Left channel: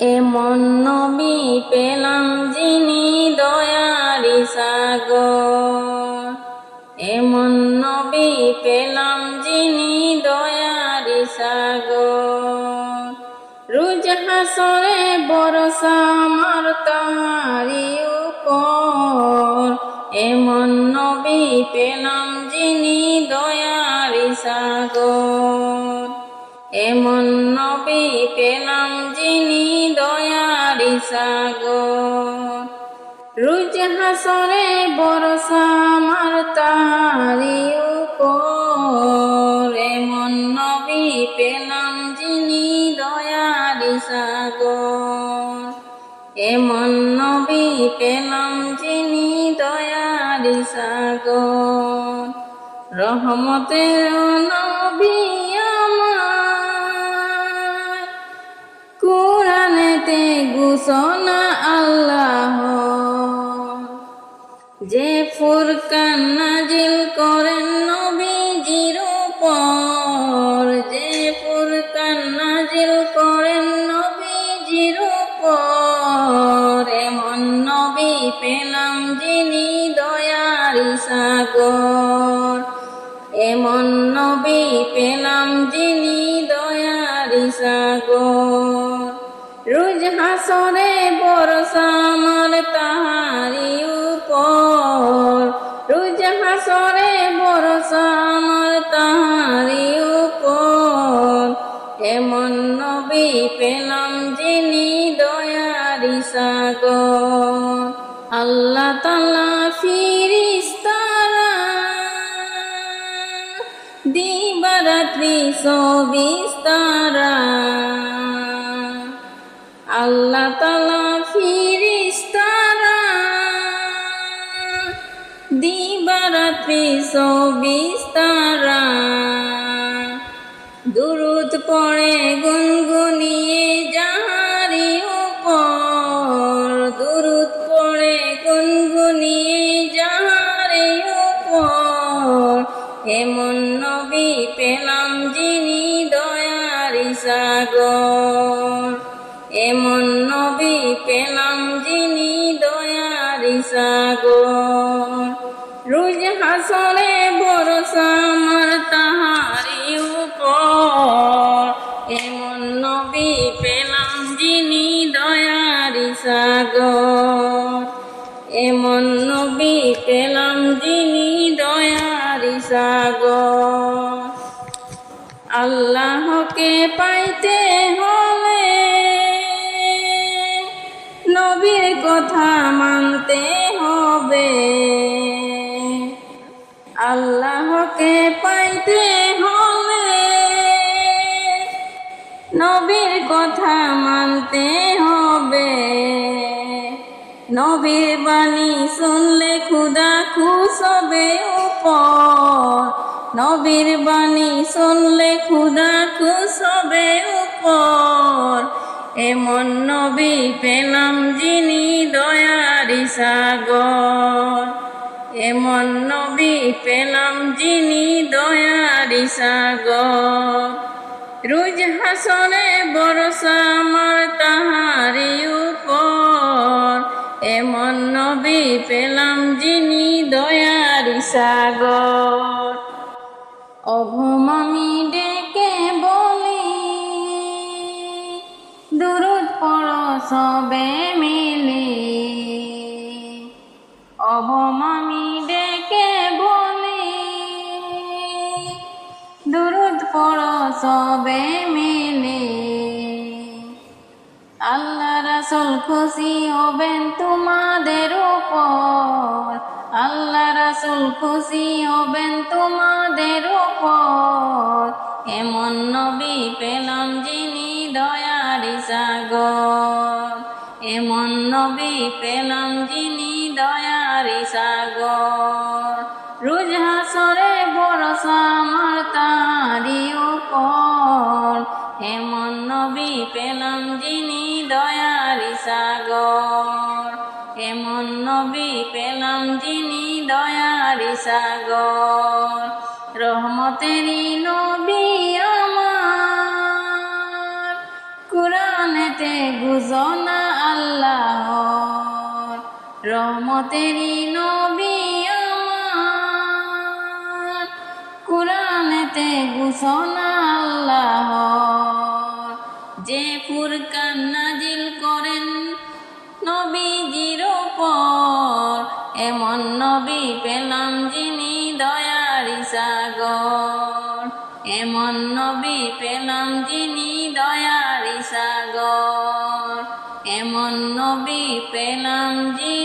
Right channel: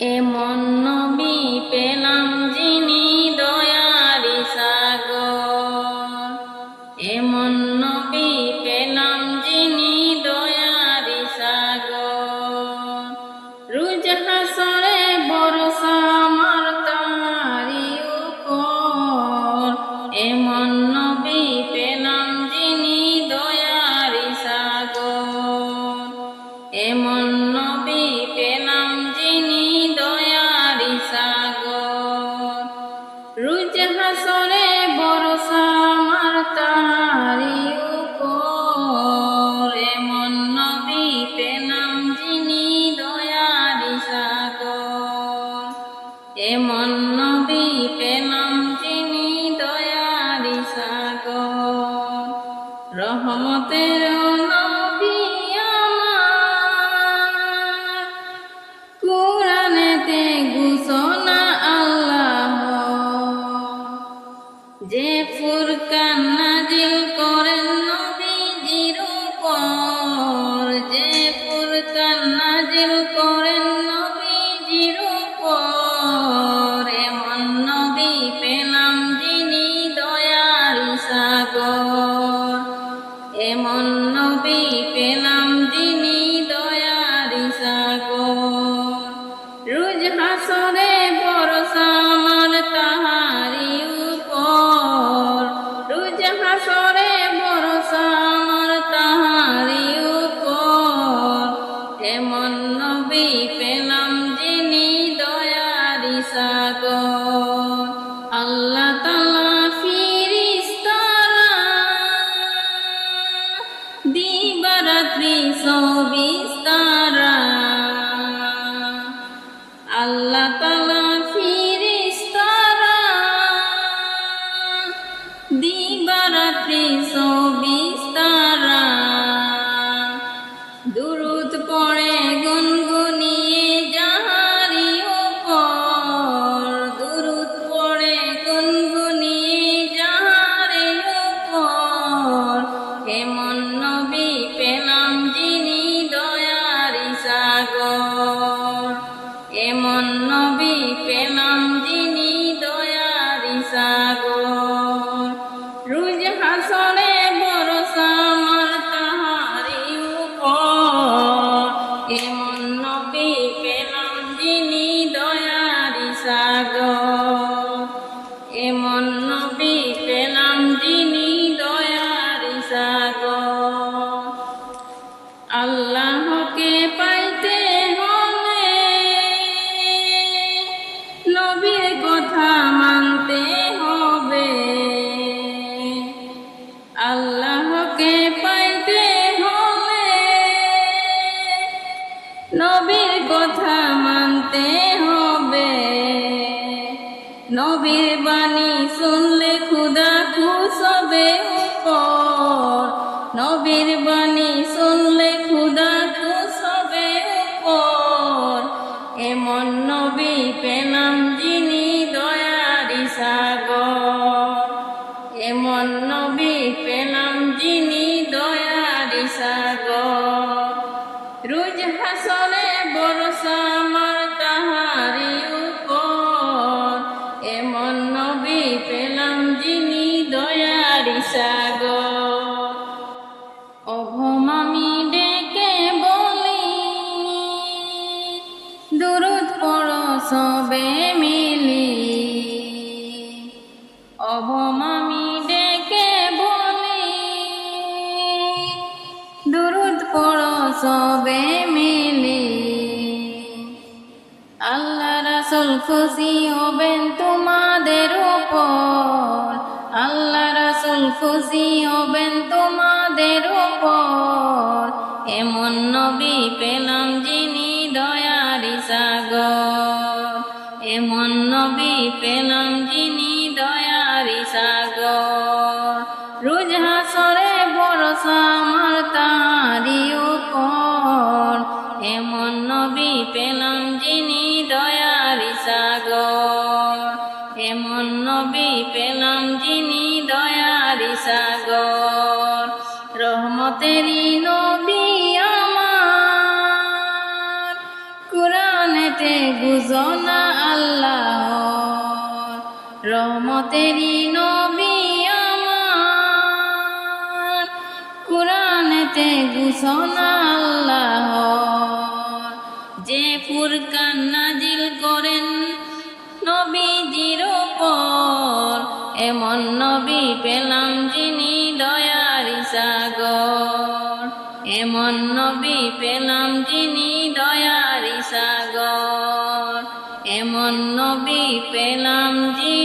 এমন নবী পেলাম যিনি দয়ারি সাগর। এমন নবী পেলাম যিনি দয়ারি সাগর। রোজ হাসরে ভরসা আমার তাহারি উপর। এমন নবী পেলাম যিনি দয়ারি সাগর। এমন নবী পেলাম যিনি দয়ারি সাগর। রোজ হাসরে ভরসা আমার তাহারি উপর। এমন নবী পেলাম যিনি দয়ারি সাগর। এমন নবী পেলাম যিনি দয়ারি সাগর। রহমতের নবী আমার, কুরআনেতে ঘোষণা আল্লাহ, যে ফুরকান নাজিল করেন নবীজির উপর। যে ফুরকান নাজিল করেন নবীজির উপর। এমন নবী পেলাম যিনি দয়ারি সাগর। এমন নবী পেলাম যিনি দয়ারি সাগর। রোজ হাসরে ভরসা আমার তাহারি উপর। রোজ হাসরে ভরসা আমার তাহারি উপর। এমন নবী পেলাম যিনি দয়ারি সাগর। আল্লাহ তাআলা ফিরিস্তারা দিবারাত্রি সবিস্তারা। আল্লাহ তাআলা ফিরিস্তারা দিবারাত্রি সবিস্তারা। দুরূদ পড়ে গুনগুনিয়ে যাহারি উপর। দুরূদ পড়ে গুনগুনিয়ে যাহারি উপর। এমন নবী পেলাম যিনি দয়ারি সাগর। এমন নবী পেলাম যিনি দয়ারি সাগর। রোজ হাসরে ভরসা আমার তাহারি উপর। এমন নবী পেলাম যিনি দয়ারি সাগর। এমন নবী পেলাম যিনি দয়ারি সাগর। আল্লাহকে পাইতে হলে নবীর কথা মানতে হবে। আল্লাহকে পাইতে হলে নবীর কথা মানতে হবে। নবীর বাণী শুনলে খুদা খুশ হবে উপর। নবীর বাণী শুনলে খুদা খুশ হবে উপর। এমন নবী পেলাম যিনি দয়ারি সাগর। এমন নবী পেলাম যিনি দয়ারি সাগর। রোজ হাসরে ভরসা আমার তাহারি উপর। এমন নবী পেলাম যিনি দয়ারি সাগর। অঘম আমি ডেকে বলি, দুরূদ পড়ো সবে মিলি। অঘম আমি ডেকে বলি, দুরূদ পড়ো সবে মিলি। আল্লাহ রাসূল খুশি হবেন তোমাদের উপর। আল্লাহ রাসূল খুশি হবেন তোমাদের উপর। এমন নবী পেলাম যিনি দয়ারি সাগর। এমন নবী পেলাম যিনি দয়ারি সাগর। রোজ হাসরে ভরসা আমার তাহারি উপর। এমন নবী পেলাম যিনি দয়ারি সাগর। এমন নবী পেলাম যিনি দয়ারি সাগর। রহমতেরই নবী আমার, কুরআনে কোরআনেতে ঘোষণা আল্লাহর, রহমতেরই নবী আমার, কোরআনেতে ঘোষণা আল্লাহর। যে ফুরকান নাজিল করেন নবীজির উপর, এমন নবী পেলাম যিনি দয়ার সাগর, এমন নবী পেলাম যিনি দয়ার সাগর, এমন নবী পেলাম যিনি